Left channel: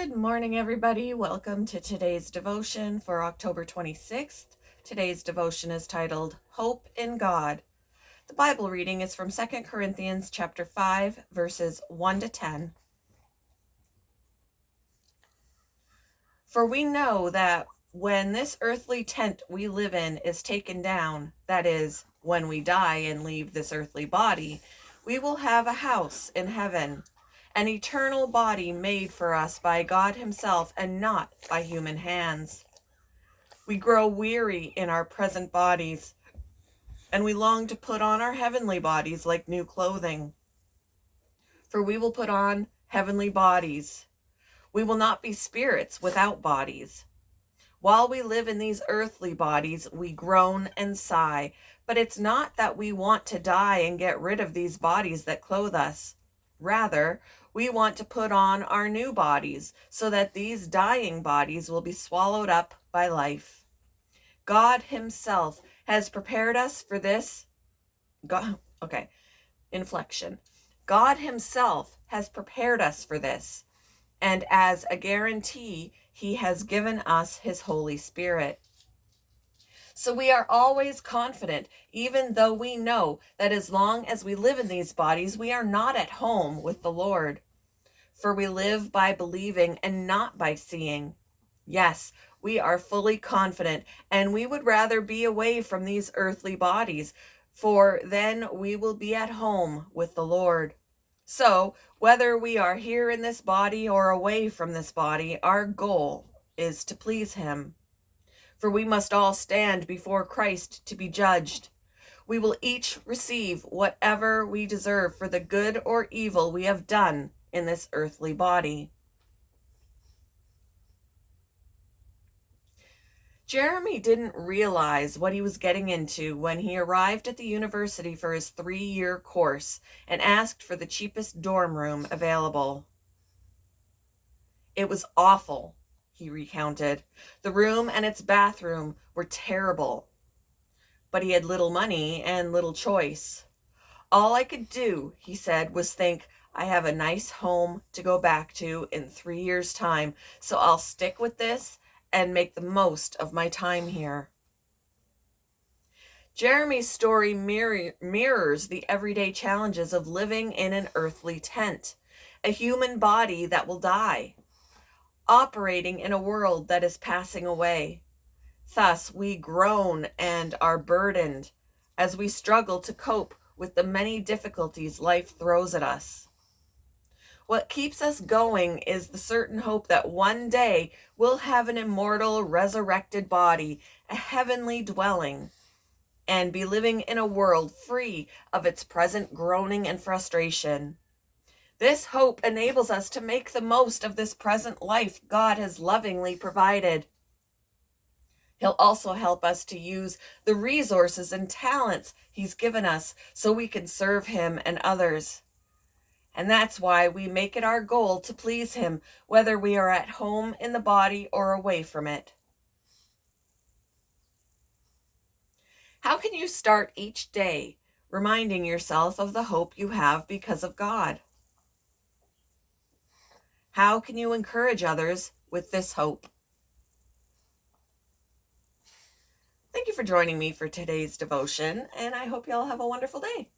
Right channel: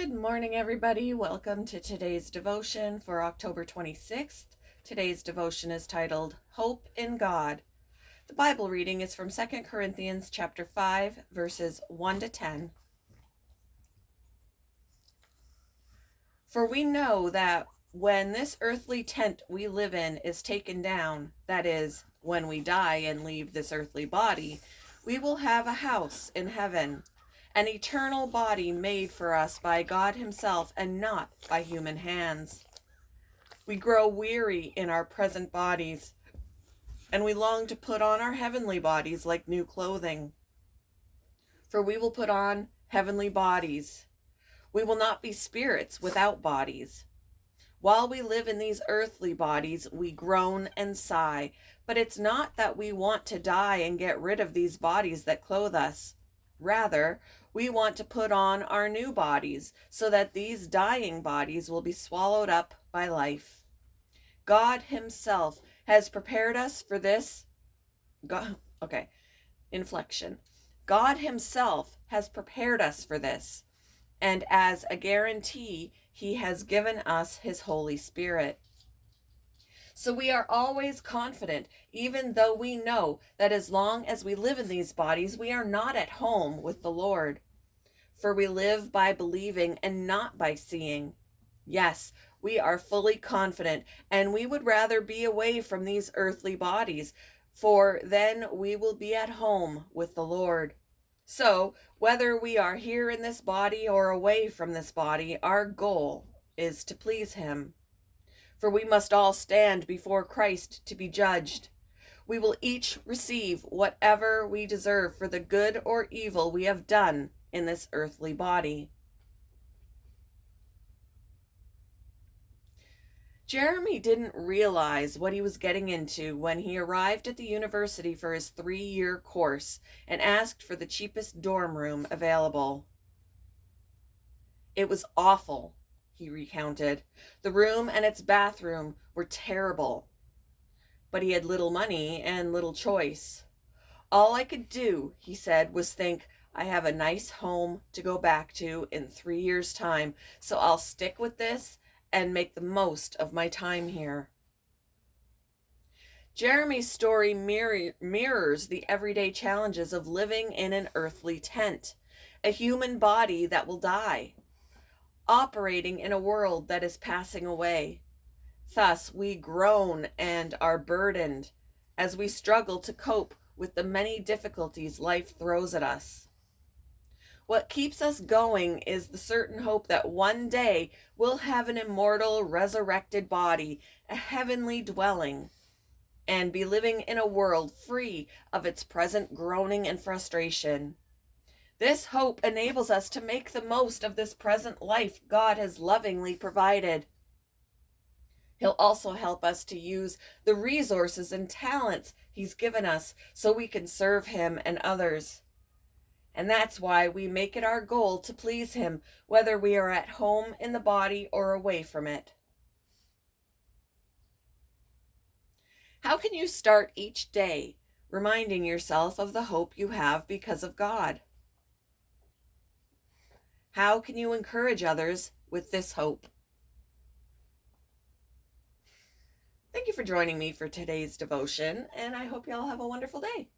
Good morning, everybody. Welcome to today's devotion for October 26th. Today's devotion is titled Hope in God. The Bible reading is from 2 Corinthians chapter 5, verses 1 to 10. For we know that when this earthly tent we live in is taken down, that is, when we die and leave this earthly body, we will have a house in heaven, an eternal body made for us by God Himself and not by human hands. We grow weary in our present bodies, and we long to put on our heavenly bodies like new clothing. For we will put on heavenly bodies. We will not be spirits without bodies. While we live in these earthly bodies, we groan and sigh, but it's not that we want to die and get rid of these bodies that clothe us. Rather, we want to put on our new bodies so that these dying bodies will be swallowed up by life. God Himself has prepared us for this. Inflection. God Himself has prepared us for this, and as a guarantee, He has given us His Holy Spirit. So we are always confident, even though we know that as long as we live in these bodies, we are not at home with the Lord. For we live by believing and not by seeing. Yes, we are fully confident, and we would rather be away from these earthly bodies, for then we will be at home with the Lord. So, whether we are here in this body or away from this body, our goal is to please Him. For we must all stand before Christ to be judged. We will each receive whatever we deserve for the good or evil we have done in this earthly body. Jeremy didn't realize what he was getting into when he arrived at the university for his 3-year course and asked for the cheapest dorm room available. It was awful, he recounted. The room and its bathroom were terrible. But he had little money and little choice. All I could do, he said, was think, I have a nice home to go back to in 3 years' time, so I'll stick with this and make the most of my time here. Jeremy's story mirrors the everyday challenges of living in an earthly tent, a human body that will die, operating in a world that is passing away. Thus, we groan and are burdened as we struggle to cope with the many difficulties life throws at us. What keeps us going is the certain hope that one day we'll have an immortal, resurrected body, a heavenly dwelling, and be living in a world free of its present groaning and frustration. This hope enables us to make the most of this present life God has lovingly provided. He'll also help us to use the resources and talents He's given us so we can serve Him and others. And that's why we make it our goal to please Him, whether we are at home in the body or away from it. How can you start each day reminding yourself of the hope you have because of God? How can you encourage others with this hope? Thank you for joining me for today's devotion, and I hope you all have a wonderful day.